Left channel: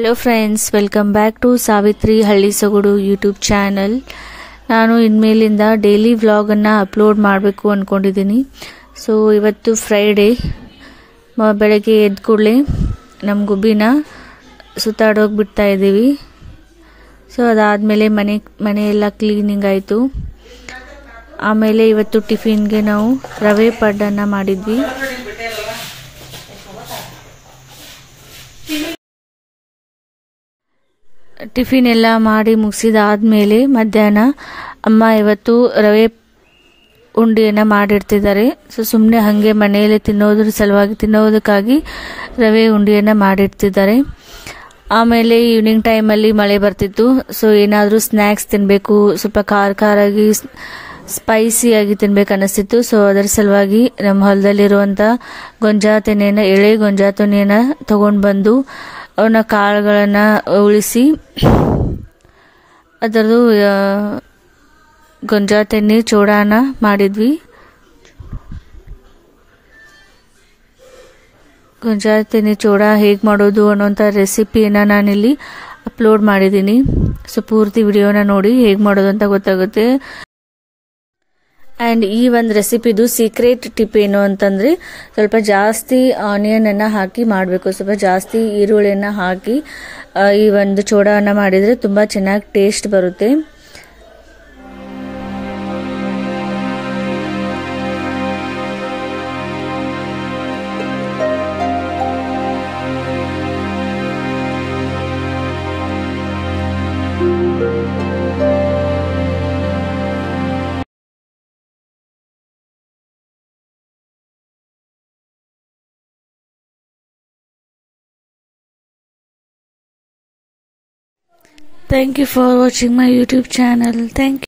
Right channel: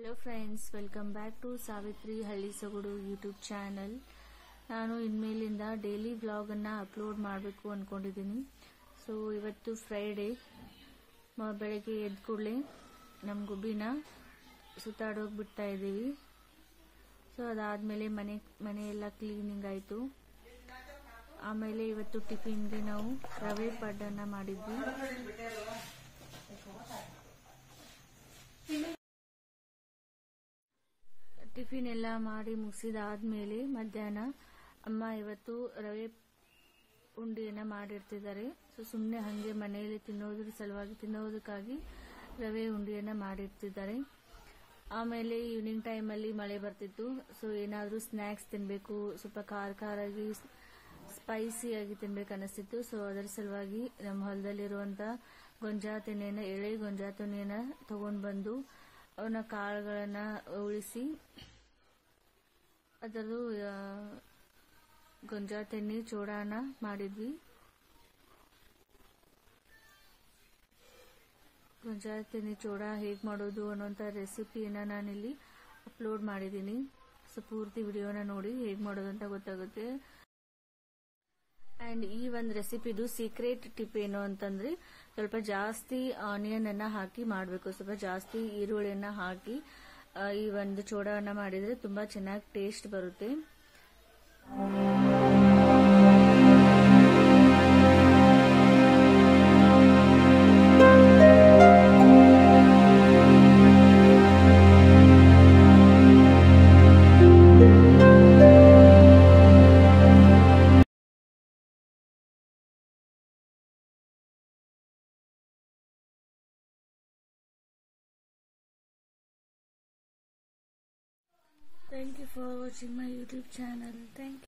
Hello friends, welcome back to Savitri ಹಳ್ಳಿ ಸೊಗಡು YouTube channel. ನಾನು ಇನ್ಮೇಲಿಂದ ಡೈಲಿ ವ್ಲಾಗನ್ನು ಅಪ್ಲೋಡ್ ಮಾಡಬೇಕು ಅಂದ್ಕೊಂಡಿದ್ದೀನಿ. ಸೊ ಇವತ್ತು ಫ್ರೈಡೇ, ಬೆಳಗ್ಗೆ ಎದ್ದ ಕೂಡಲೇ ನಮ್ಮ ಗುಬ್ಬಿನ ಸುತ್ತಾಡೋಗಿ ಬಿಡ್ತಾ ಇದ್ದೀವಿ. ಸೊ ಅದಾದಮೇಲೆ ಮನೆಯೆಲ್ಲ ಕ್ಲೀನಿಂಗ್ ಆಯಿತು. ಆಮೇಲೆ ಇವತ್ತು ಟಿಫಿನ್ಗೆ ನಾವು ರವೆ ಪಡ್ಡನ್ನು ಮಾಡಿದ್ವಿ. ಟಿಫಿನ್ ಎಲ್ಲ ಮಾಡಿ ಮುಗಿಸಿದಾದ್ಮೇಲೆ ಮಧ್ಯಾಹ್ನ ಅಮ್ಮ ಇವತ್ತು ರವೆ ಉಂಡೆಯನ್ನು ಮಾಡಿಡ್ತಿದ್ದಾರೆ. ಸೊ ಸುಮ್ಮನೆ ಹಾಗೆ ಮನೆಯಲ್ಲೇ ತಿನ್ನೋದಕ್ಕಾಗಿ ರವೆ ಉಂಡೆಯನ್ನು ಮಾಡಿಡ್ತಿದ್ದಾರೆ. ಆಮೇಲೆ ಈವ್ನಿಂಗ್ ಟೈಮಲ್ಲಿ ಮಳೆ ಬರ್ತಿತ್ತು. ಸೊ ಏನಾದರೂ ಸ್ನ್ಯಾಕ್ಸ್ ತಿನ್ನಬೇಕು, ಸ್ವಲ್ಪ ಖಾರಾಗಿ ಸ್ಪೈಸಿಯಾಗಿ ತಿನ್ಬೇಕು ಅನ್ನಿಸ್ತಿತ್ತು. ಸೊ ಅದರ ಸಲುವಾಗಿ ನಮ್ಮ ಹೊಲದಲ್ಲಿರುವಂಥ ಎಳೆ ಗೊಂಜಾ ತೆನೆಯನ್ನು ತೊಗೊಂಡು ಬಂದು ಅವನ್ನ ಕಾಳುಗಳನ್ನು ಉಳಿಸಿ ಅದರದ್ದು ಗೊಂಜಾ ತೆನೆ ಚೂಡಾನ ಮಾಡಿದ್ವಿ. ಗೊಂಜಾ ತೆನೆ ಚೂಡ ಹೇಗೆ ಮಾಡೋದು ಅನ್ನೋಂಥ ರೆಸಿಪಿಯನ್ನು ನಾನಿಲ್ಲಿ ಅಪ್ಲೋಡ್ ಮಾಡಿದ್ದೀನಿ. ಸೊ ಪೂರ್ತಿ ವಿಡಿಯೋನ ನೋಡಿ ಹೇಗೆ ಮಾಡೋದು ಅಂತ ಗೊತ್ತಾಗುತ್ತೆ. ಆ್ಯಂಡ್ ಈ ಒಂದು ರೆಸಿಪಿದು ಸೀಕ್ರೆಟ್ ಟಿಪ್ ಏನು ಅಂತಂದರೆ, ಸ್ವಲ್ಪ ಜಾಸ್ತಿ ಆನಿಯನನ್ನು ಹಾಕಿ ಮಾಡಬೇಕು. ಸ್ವಲ್ಪ ಜಾಸ್ತಿ ಈರುಳ್ಳಿಯನ್ನು ಹಾಕಿ ಈ ಒಂದು ಚೂಡವನ್ನು ಮಾಡಿದರೆ ತುಂಬ ಚೆನ್ನಾಗಿ ಟೇಸ್ಟ್ ಬರುತ್ತೆ. Thank you for watching my YouTube channel. Thank you.